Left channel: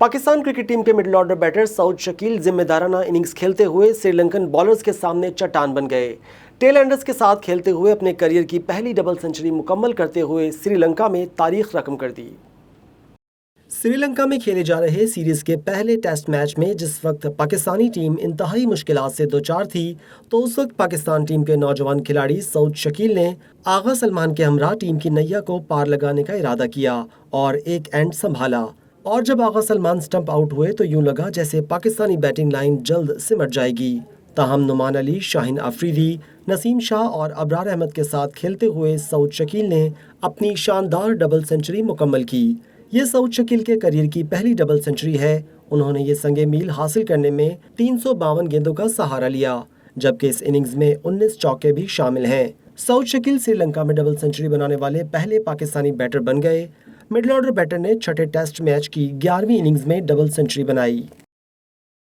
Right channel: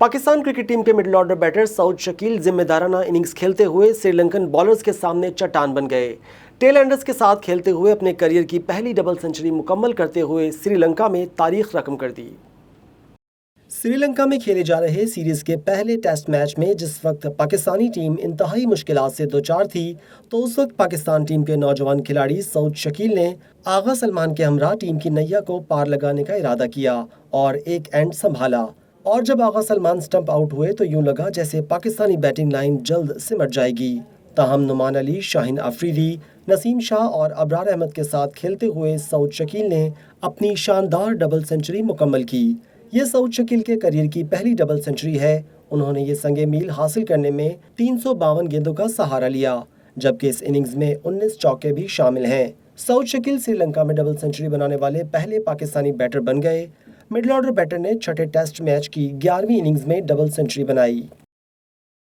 Pakistan cricket team के middle order batter Saud Shakeel जिम्मेदाराना innings खेलते हुए श्रीलंकन बॉलर्स के सामने चट्टान बन गए। टेल एंडर्स के साथ खेलते हुए अपने करियर की पहली डबल सेंचुरी मुकम्मल करते हुए श्रीलंका में तारीख रकम कर दी। श्रीलंका में खेले जा रहे सीरीज के पहले टेस्ट मैच में जिस वक्त पाकिस्तानी टीम इंतहाई मुश्किलात से दो चार थी, तो उस वक्त पाकिस्तान टीम के नौजवान खिलाड़ी सऊद शकील ने आगा सलमान के हमरा टीम की नैया को पार लगाने का इरादा किया और एक एंड संभाला। और जब आगा सलमान स्टंप आउट हुए तो यूं लगा जैसे पाकिस्तानी बैटिंग लाइन जल्द सिमट जाएगी। ताहम नुमान अली, शाहीन अफरीदी, नसीम शाह और अबरार अहमद के साथ खेलते हुए सऊद शकील ने अपनी शानदार डबल सेंचुरी मुकम्मल की। ये सऊद शकील के करियर की पहली डबल सेंचुरी है। उन्होंने ये संगे मील हासिल करने में 352 गेंदों का सहारा लिया, जबकि इस इनिंग्स में 19 चौके भी शामिल हैं। सऊद शकील श्रीलंका में डबल सेंचुरी बनाने वाले पहले पाकिस्तानी बैटर बन गए। मिडिल ऑर्डर बैटर ने छठे टेस्ट मैच की 11वीं इनिंग्स में डबल सेंचुरी बनाई।